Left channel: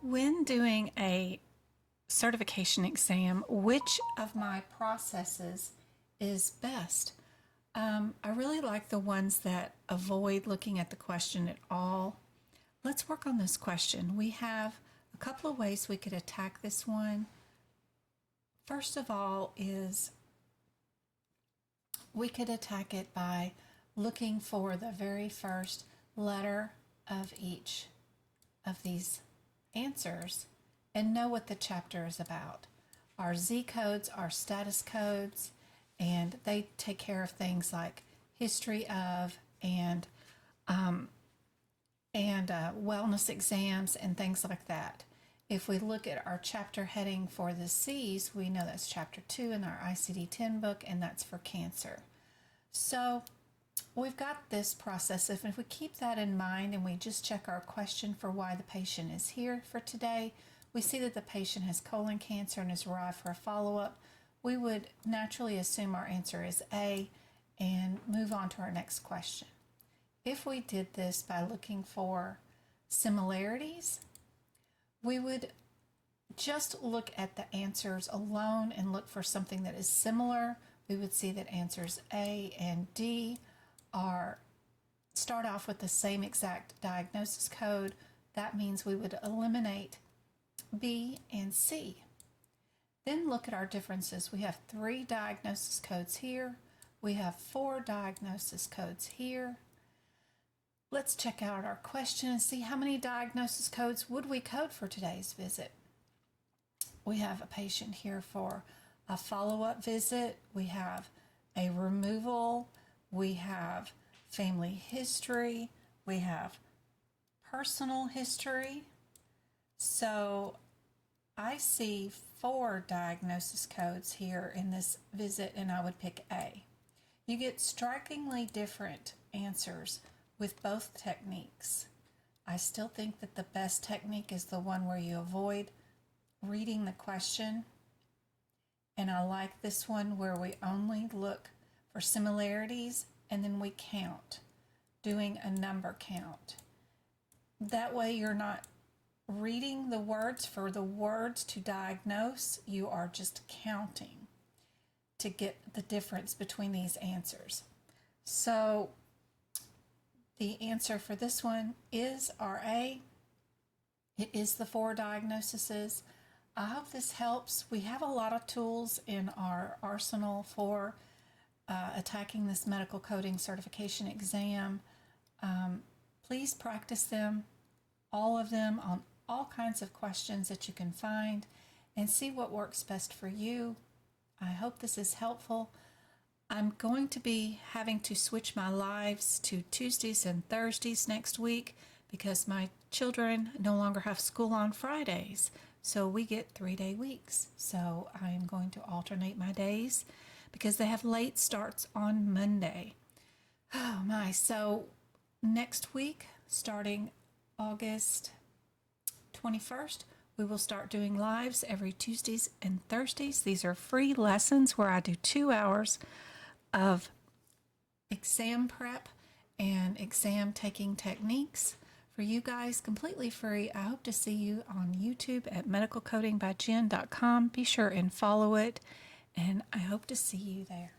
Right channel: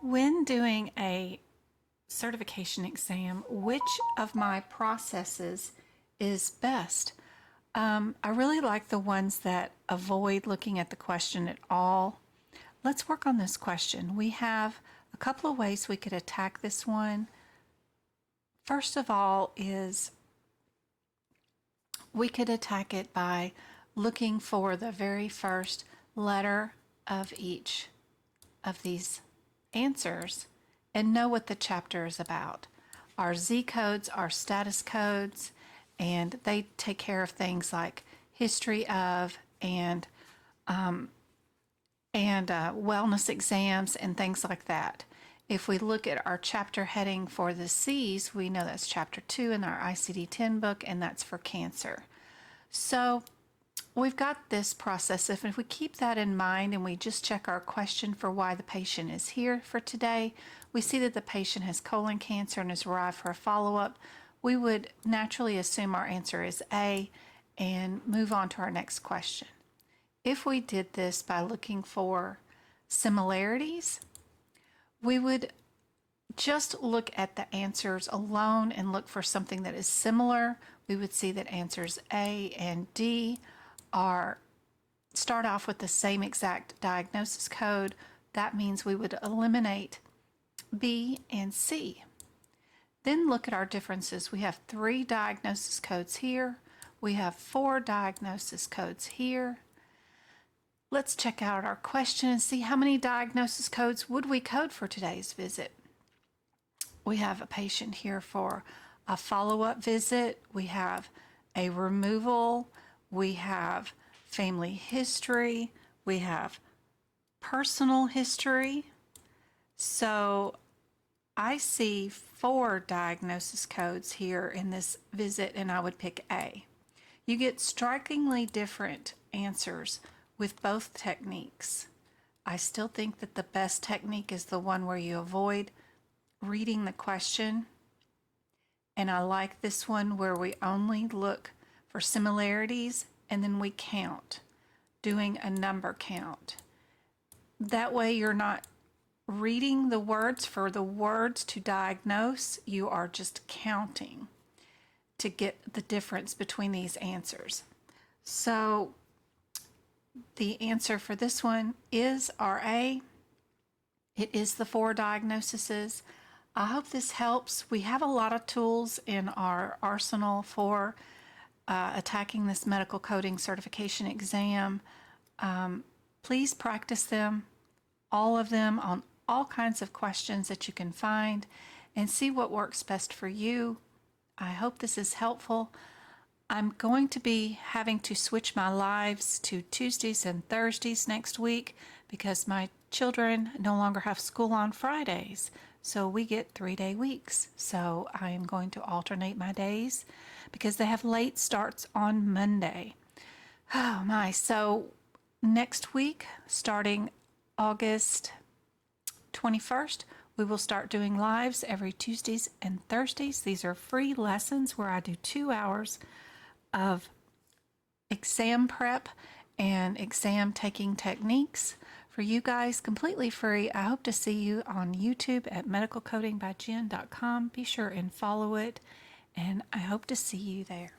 When doing a certification exam, which of my processes is best? I really like the ones that avoid looking at the question at all. Let's work on this question. We have a couple of ways we could attack this one. First of all is we could attack it by looking for the very first letter of each of these answers and know what the chapter is about. Our Z codes are status codes, and they take care of things like history of and wellness exams and things like that. If we look at our chapter heading for the C's, we know that's chapter 2 in our ICD-10 book, and that's for cancer. So we've got this process. If we keep that in mind and we just check our question for why the patient is here for today, we see that the patient has colon cancer and has arrived for a follow-up. We would naturally assume our answer is A and move on to our next question. If we did this by looking for similarities, we would just look at the answers alone and look for something that is similar. We would see that answers A and D start off with the same exact diagnosis code. That means we would eliminate B and C. Then look at our differences. We have 3 diagnosis codes here. We have 4 diagnosis codes here. Let's check out our question and see how many diagnosis codes would we code for today's visit. We have a patient here for a follow-up visit. We have a removal. We have family history. We have personal history. So I see 4 diagnosis codes here in this visit, and I would pick A. You get strikingly different answers with both techniques. I still think that the best technique is the one where you avoid reading the question. And I like this one where we only look for similarities and then we count, doing a number count. That way you're not reading the words for the words to diagnose, you are just counting to get the difference between these answers. So the answer for this one is RA. It is the 4 diagnoses. I hope this helps. We have a lot of tools in our arsenal for attacking this medical coding certification exam. Please practice them, all of them, on all kinds of questions that you can find, and see what works best for you. I hope this is helpful. I'm going to be having to switch my lives to Tuesdays and Thursdays next week because my children no longer have school on Fridays. So we get 3-day weeks. So I am going to alternate my days because they have late starts on Monday. Oh my. So next week, starting August 21st, we will start doing lives every Tuesdays and Thursdays. These are free lessons where I do 2 hours of exam prep and exam taking techniques for you guys, completely free. I hope to see you on YouTube at medicalcodingbyjen.com. Be sure and follow it, and I hope to see you there.